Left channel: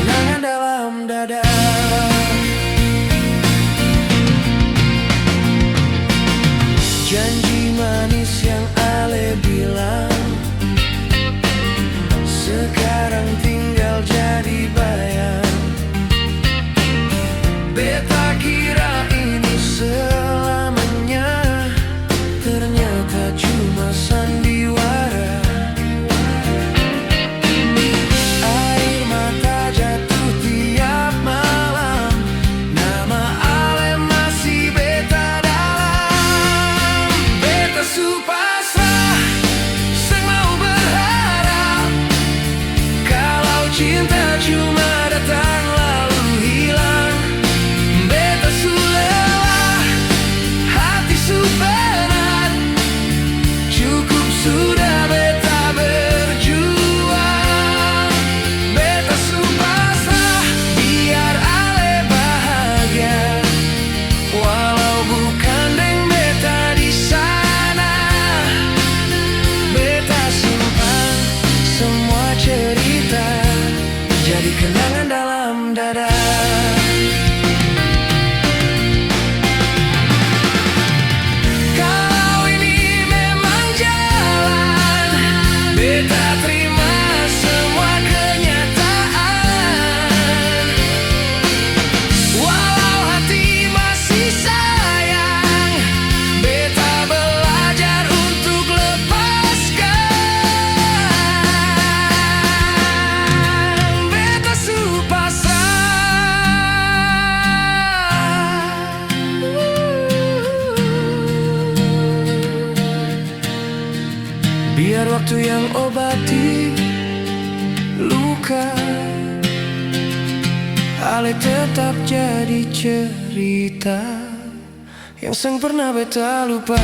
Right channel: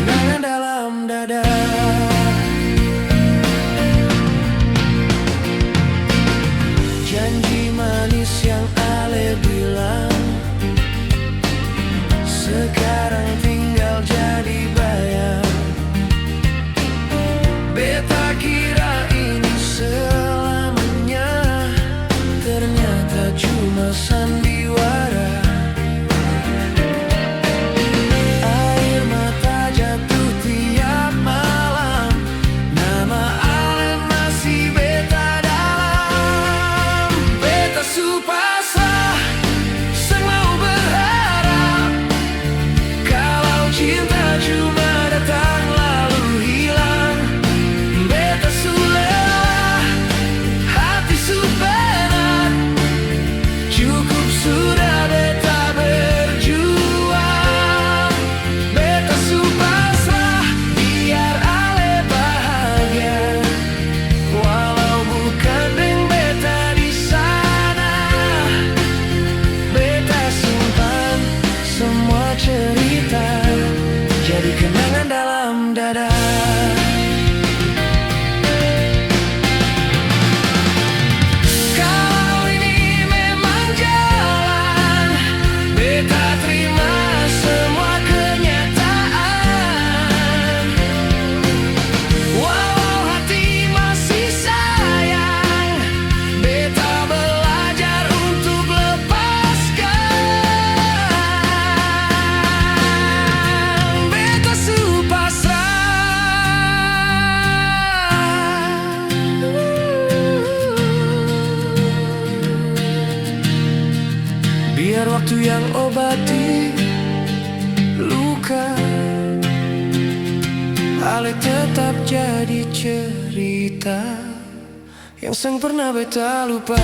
kenangan dalam dada. Janji manis yang Ale bilang sekarang tinggal jadi bayang. Beta kira ini selamanya, ternyata cuma sandiwara. Air mata jatuh tiap malam, nama Ale masih beta dalam. Beta su pasrah, sang mau berharap kalau cinta cuma datang lalu hilang. Beta su lelah, hati su penat, cukup sudah beta berjuang. Beta su pasrah, biar Ale bahagia, walau bukan deng beta di sana. Beta simpan semua cerita jadi kenangan dalam dada. Kalau ini memang jalan, beta terima semua kenyataan. Walau hati masih sayang, beta belajar untuk lepaskan. Beta su pasrah. Biar waktu yang obati luka, Ale tetap jadi cerita yang sang pernah beta lupa.